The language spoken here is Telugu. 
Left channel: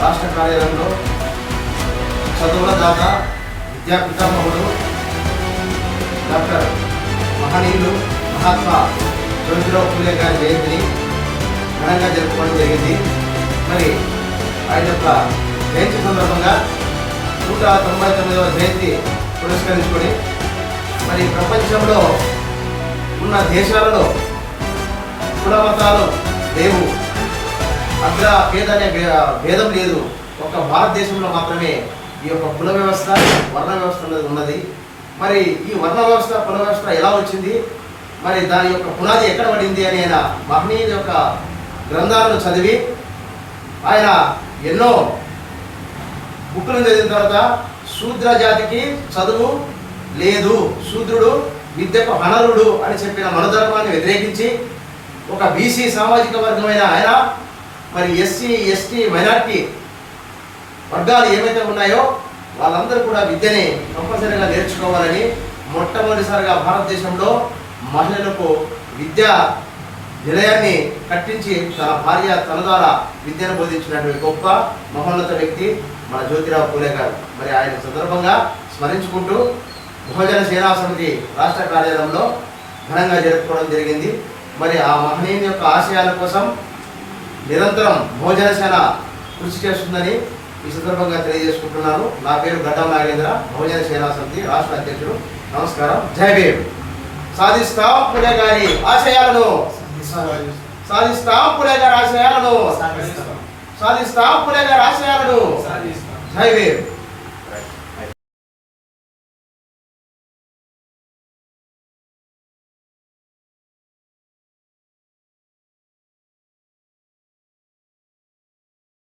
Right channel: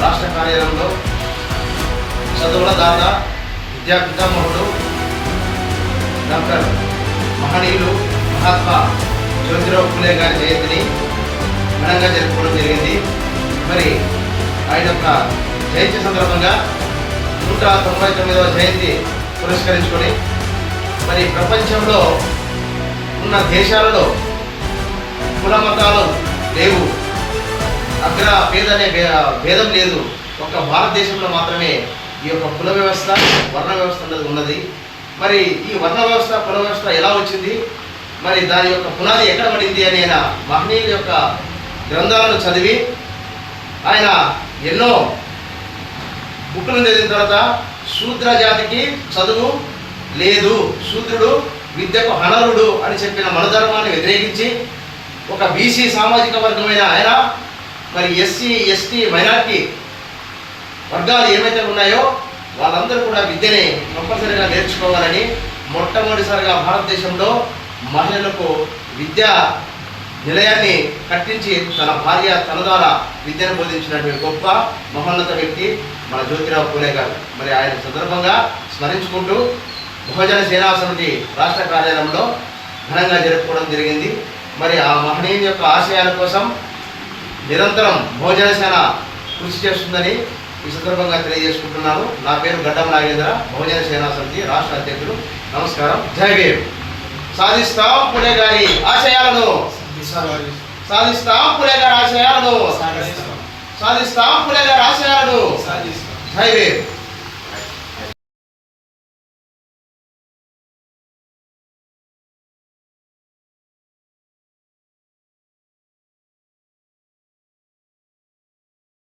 రాష్ట్ర కార్యాలయంలో చదువుల దాత విద్యా పితామహుడు డాక్టర్ మహనీయులు మహాత్మా జ్యోతిరావు పూలే గారి జయంతిని ఘనంగా జరుపుకోవడం జరిగింది. మరి ఆయన యొక్క జయంతి సందర్భంగా 199వ జయంతి పురస్కరించుకొని మరి ప్రపంచంలో ఉన్న దేశాలలో కుల మతాలు లేవు, అగ్ర పేద అనే భేదం లేదు. ఒక భారతదేశంలో మాత్రమే ఈ యొక్క కుల వ్యవస్థ వర్ణ వ్యవస్థ అనేది ఉన్నది. మరి ఈ వర్ణ వ్యవస్థ కుల వ్యవస్థ ఎలా వచ్చింది, మరి దాని యొక్క పునాది ఎక్కడ పడింది అని ఆయన మహనీయుల యొక్క గ్రంథాలను చదివి ఆయన ఎన్నో బుక్కులను చదివిన తర్వాత శూద్ర జాతికి చదువు లేదు, శూద్రుడు విద్యకు అనర్హుడు అని చెప్పిన మనధర్మాన్ని వ్యతిరేకించి ఒక బీసీ సామాజిక వర్గమైన ఆయన మరి ఎస్సీ ఎస్టీ మైనార్టీ వర్గాలు ఏమైతే ఉన్నాయో వాళ్ళందరూ కూడా విద్యని కంపల్సరీగా నేర్చుకోవాలని మొట్టమొదటిసారిగా భారతదేశంలో మహిళలకు విద్యా నిలయాన్ని కట్టించి తన భార్య తన ద్వారా విద్యను బోధించినటువంటి గొప్ప మహోన్నత వ్యక్తి మన జ్యోతిరావు పూలే గారు. మరి ఆయన సందర్భంగా స్మరించుకుంటూ బహుజన సేనా సమితి రాష్ట్ర కార్యాలయంలో ఘనంగా జరుపుకోవడం జరిగింది. మరి ఆ మహనీయుని యొక్క ఆశయాల కోసం నిరంతరం బహుజన సేన కృషి చేస్తుందని ఈ సందర్భంగా తెలియజేసుకుంటున్నాను. నా పేరు గడ్డం నాగేంద్ర, బహుజన సేనా సమితి రాష్ట్ర అధ్యక్షుడు. నమస్కారం. జై భీమ్. సాధిస్తాం పూలే గారి ఆశయాలను, సాధిస్తాం పూలే గారి ఆశయాలను, సాధిస్తాం పూలే గారి ఆశయాలను. జై భీమ్.